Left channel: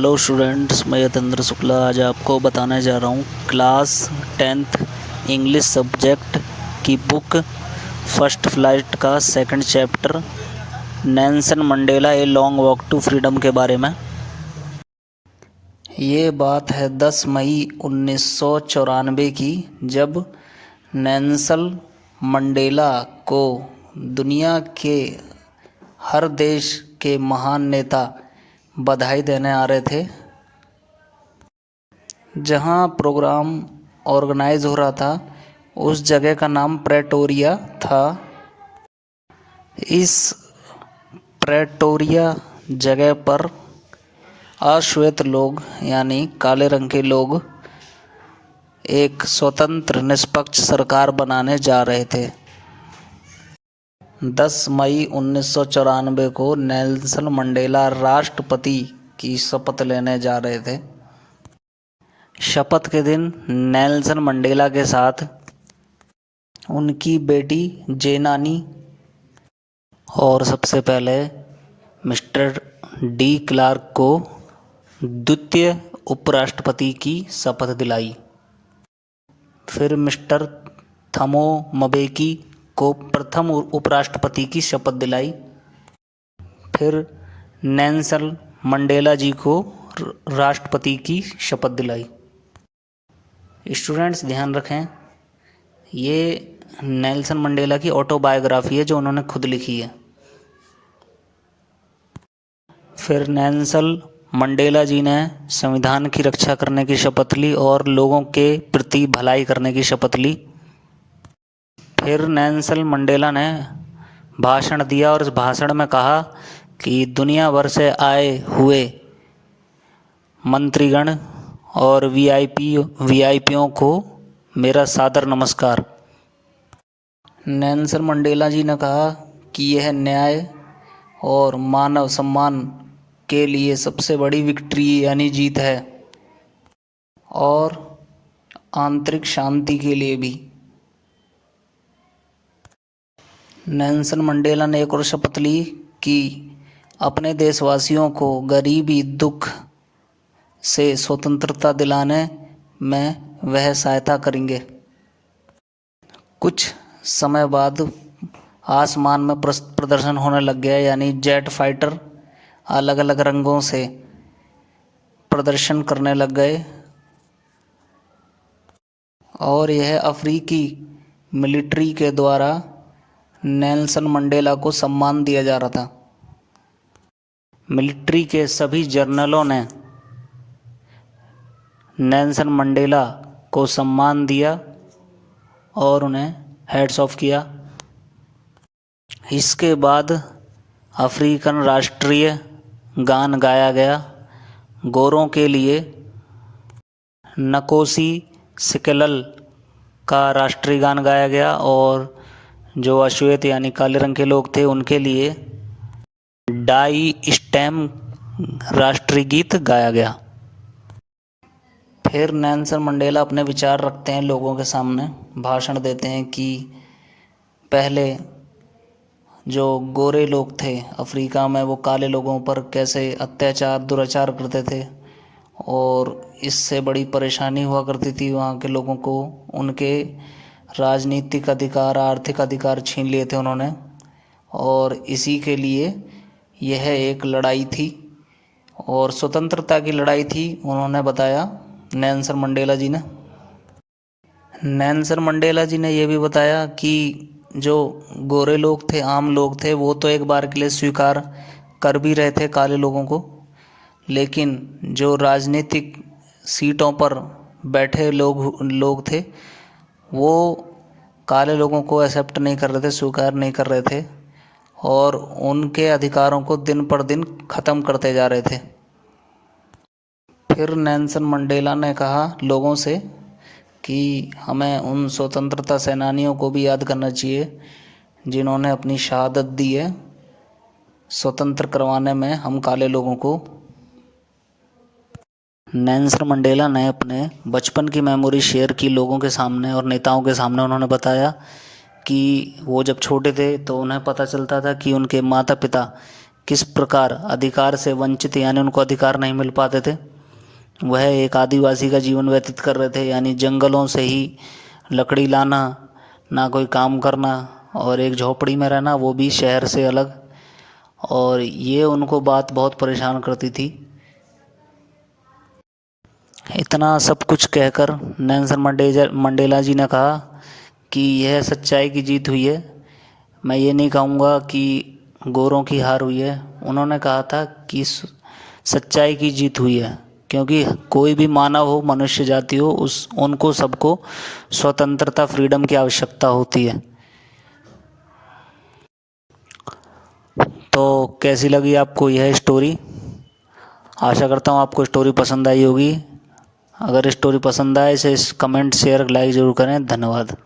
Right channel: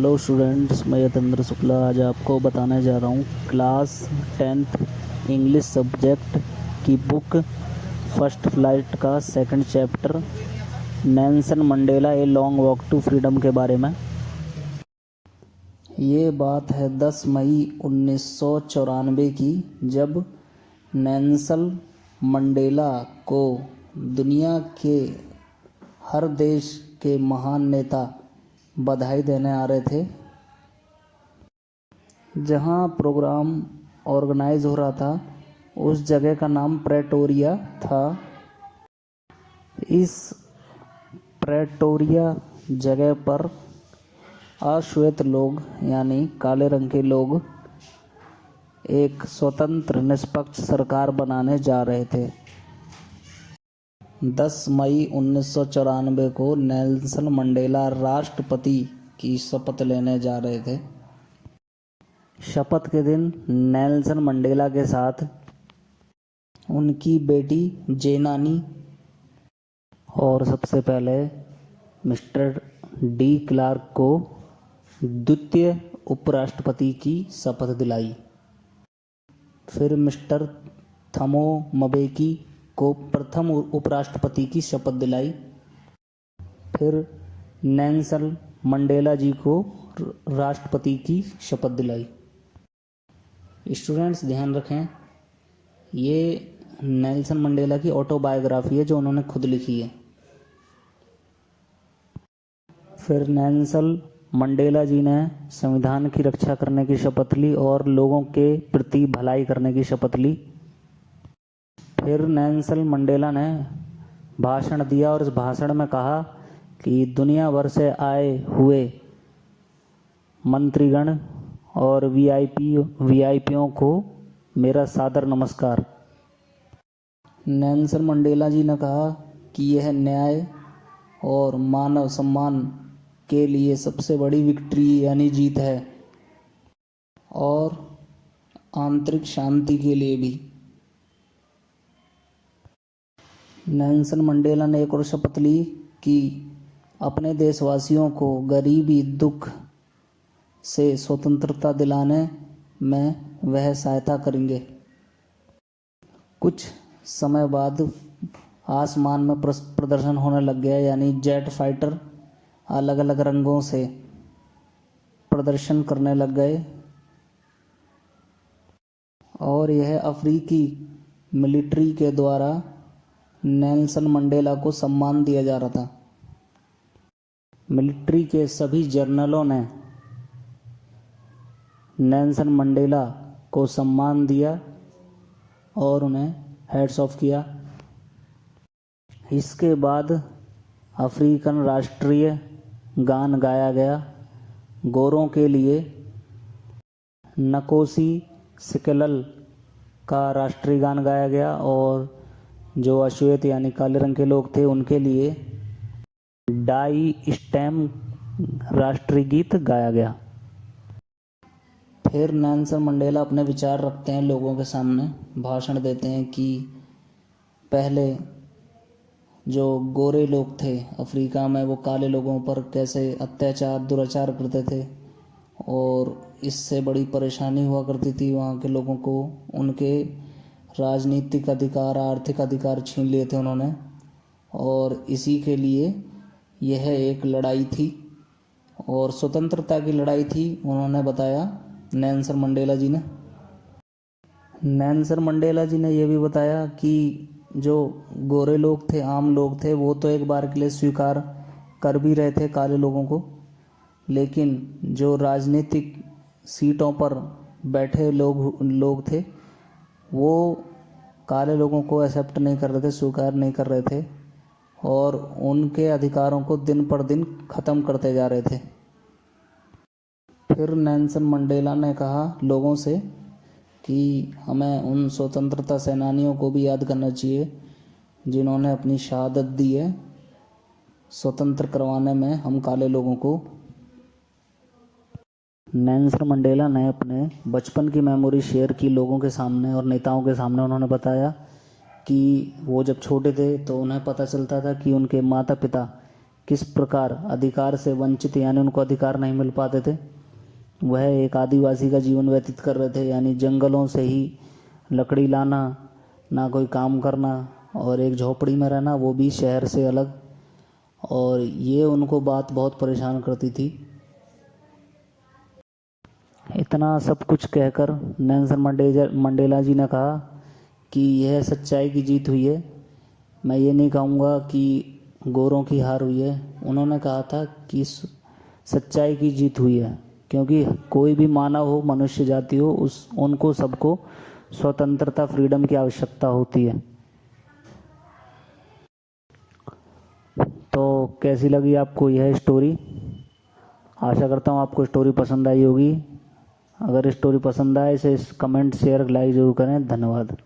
Hello students, मैं यतेंद्र शुक्ला आज आपको बताने जा रहा हूँ क्लास 10th इंग्लिश सब्जेक्ट की बुक फर्स्ट फ्लाइट का second chapter Nelson Mandela a long walk to freedom के बारे में। ये बात है 10 मई 1994 की, जब नेल्सन मंडेला को दुनिया के हर देश के महान नेता बधाई देने आ रहे थे। जहां प्रोग्राम ऑर्गेनाइज हो रहा था उस जगह का नाम प्रेटोरिया था। इस प्रेटोरिया जगह पर अश्वेत लोग यानी काले रंग के लोग एक स्वतंत्र निष्पक्ष सरकार बनाने जा रहे थे। 10 मई 1994 को नेल्सन मंडेला राष्ट्रपति की शपथ लेने जा रहे थे। शपथ के दिन नेल्सन मंडेला के साथ उनकी बेटी जेनानी और सबसे पहले मिस्टर डी क्लार्क को द्वितीय उपराष्ट्रपति की शपथ दिलाई। फिर मिस्टर थमो मबेकी को प्रथम उपराष्ट्रपति की शपथ दिलाई। फिर नेल्सन मंडेला जी को राष्ट्रपति की शपथ दिलाई। स्टूडेंट्स ध्यान रखें, ये नेल्सन मंडेला की ऑटोबायोग्राफी है जो उन्होंने खुद लिखी है। फिर नेल्सन मंडेला जी ने संविधान की रक्षा करने की शपथ ली और लोगों के प्रति भलाई करने की शपथ ली। फिर नेल्सन मंडेला ने भाषण दिया और इस भाषण में कहा कि दुनिया भर से आए हुए मंत्रीगण और वीआईपीओं को मेरा सादर नमस्कार। नेल्सन मंडेला जी ने कहा कि यह न्याय और मानव सम्मान के लिए सबसे बड़ी विक्ट्री यानी जीत है और आंतरिक शांति के लिए भी। नेल्सन मंडेला ने एक और शपथ ली कि अपने देशवासियों को गरीबी दुख से स्वतंत्रता दिलाने में वह सहायता करेंगे। कुछ समय बाद आसमान में प्रदर्शन होने लग गया, यानी जेट फाइटर अलग अलग रंगों से प्रदर्शन करने लग गए और यह अफ्रीकी मिलिट्री के द्वारा नेल्सन मंडेला को सम्मान दिया जा रहा था। मिलिट्री के सभी जनरलों ने नेल्सन मंडेला को सम्मान दिया और उन्हें हैट्स ऑफ किया। इसके बाद अफ्रीकन राष्ट्रीय गान गाया गया। गोरों के लिए नकोसी सिकलल का राष्ट्रीय गान गाया गया और जो अश्वेत यानी काले रंग के लोग थे उनके लिए डाई स्टेम राष्ट्रीय गीत गाया गया। फिर नेल्सन मंडेला अपने विचार रखते हैं, लोगों के सामने भाषण देते हैं कि पहले जो गोरे लोग थे अफ्रीका में वो काले लोगों पर कैसे अत्याचार दुराचार करते थे और इससे बड़ी परेशानी हुआ करती थी वहाँ के लोगों को। उनके राजनीतिक अधिकार आर्थिक अधिकार छीन लिए थे उन्होंने और इसी के लिए यह एक लड़ाई थी और स्वतंत्रता की लड़ाई थी, उन्होंने बताया नेल्सन मंडेला जी ने। नेल्सन मंडेला जी ने यह भी बताया कि जो गोरे लोग थे आम लोग थे वो तो एक बार के लिए स्वीकार कर भी रहे थे काले लोगों को, लेकिन जो राजनीतिक सीटों पर बैठे लोग थे वो काले लोगों को एक्सेप्ट नहीं कर रहे थे, स्वीकार नहीं कर रहे थे और उनके अधिकारों को दिन पर दिन ख़त्म करते जा रहे थे। फिर नेल्सन मंडेला ने कहा लोगों से कि हमें उन स्वतंत्रता सेनानियों को भी याद करना चाहिए जिन्होंने अपनी शहादत दी है स्वतंत्र करवाने में हम काले लोगों को। नेल्सन मंडेला ने अपने बचपन की मेमोरी शेयर की लोगों के सामने और नेताओं के सामने। उन्होंने बताया कि वो जब छोटे थे तो उन्हें पता चलता था कि उनके माता पिता किस प्रकार अधिकार से वंचित यानी उनको अधिकार नहीं मिल पाते थे। वह एक आदिवासी का जीवन व्यतीत कर रहे थे, यानी जंगलों से ही लकड़ी लाना, ना कोई काम करना और एक झोपड़ी में रहना, वो भी शहर से अलग। और ये उनको बात बहुत परेशान करती थी। इतना सब कुछ कहकर नेल्सन मंडेला जी ने कहा कि यह सच्चाई की जीत हुई है। मैं ये नहीं कहूँगा कि गोरों की हार हुई है। उन्होंने कहा था कि सच्चाई की जीत हुई है, क्योंकि कोई भी मानव हो, मनुष्य जाति हो, उनको सबको स्वतंत्रता, फ्रीडम की आवश्यकता होती है। तो कैसी लगी आपको यह स्टोरी? आशा करता हूँ आपको स्टोरी पसंद आई होगी। अगर स्टोरी पसंद आए इसे कमेंट, शेयर, लाइक ज़रूर करें। धन्यवाद।